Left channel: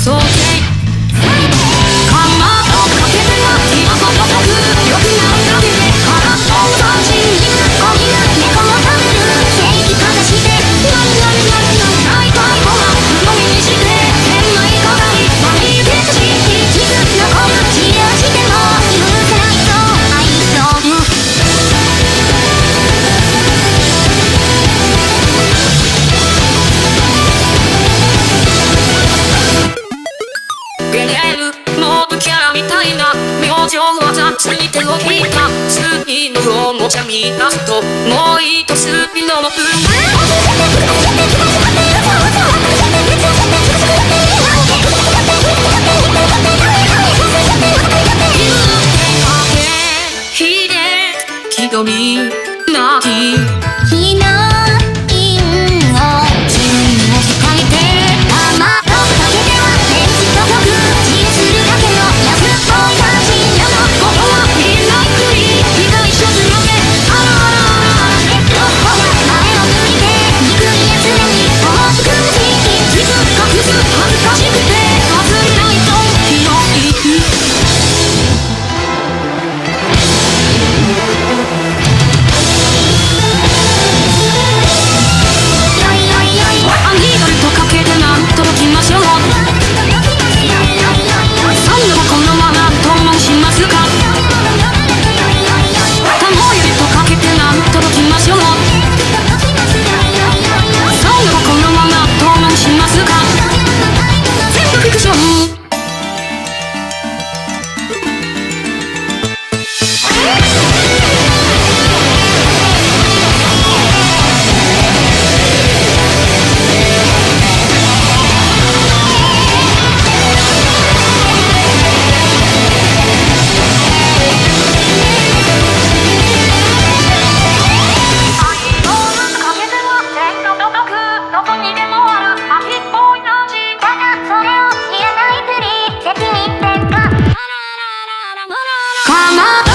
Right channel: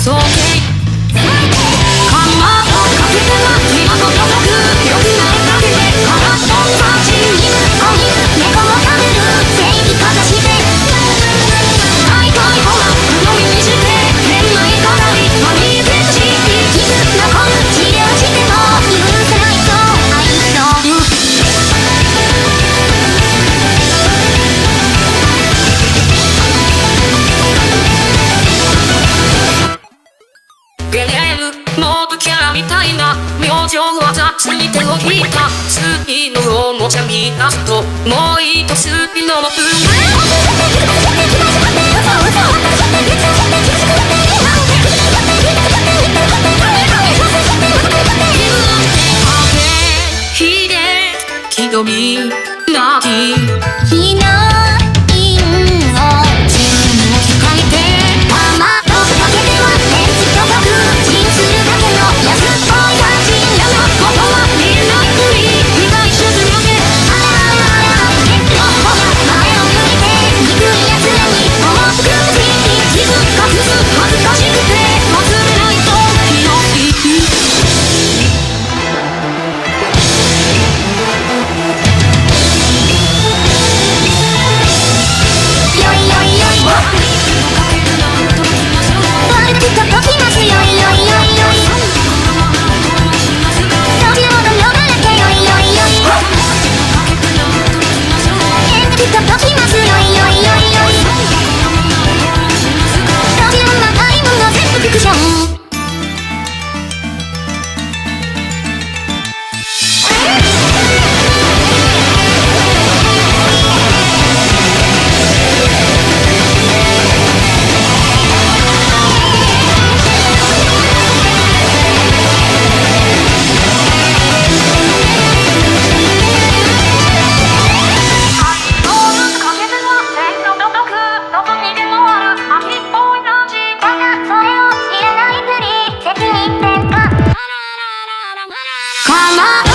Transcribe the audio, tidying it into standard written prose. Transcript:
そうけかまどかけては気がほどとく良くなるだけで空っぽのバージン犬子犬猫も食べる正義かざして大体ほら鵜呑みにして変な言い方にマニーケクシー傷残る治療しても許せないと愛そうゲレールモブキャラみたいな明星は雑に手を引いた次のおもちゃ見出すともう一スピノの分気取りなきヒロインを自分を控えてたまとかけてはレンジと曲チンするだけの安っぽい感じ嫌なことはみんなふり被害者ずらけロッコや前を向いて憎い奴らに思うくむし傷隠す恥ずかしくて忘れないとひどいどこにでもある秋っぽい感じだがそれを知らないふり責任転嫁かまど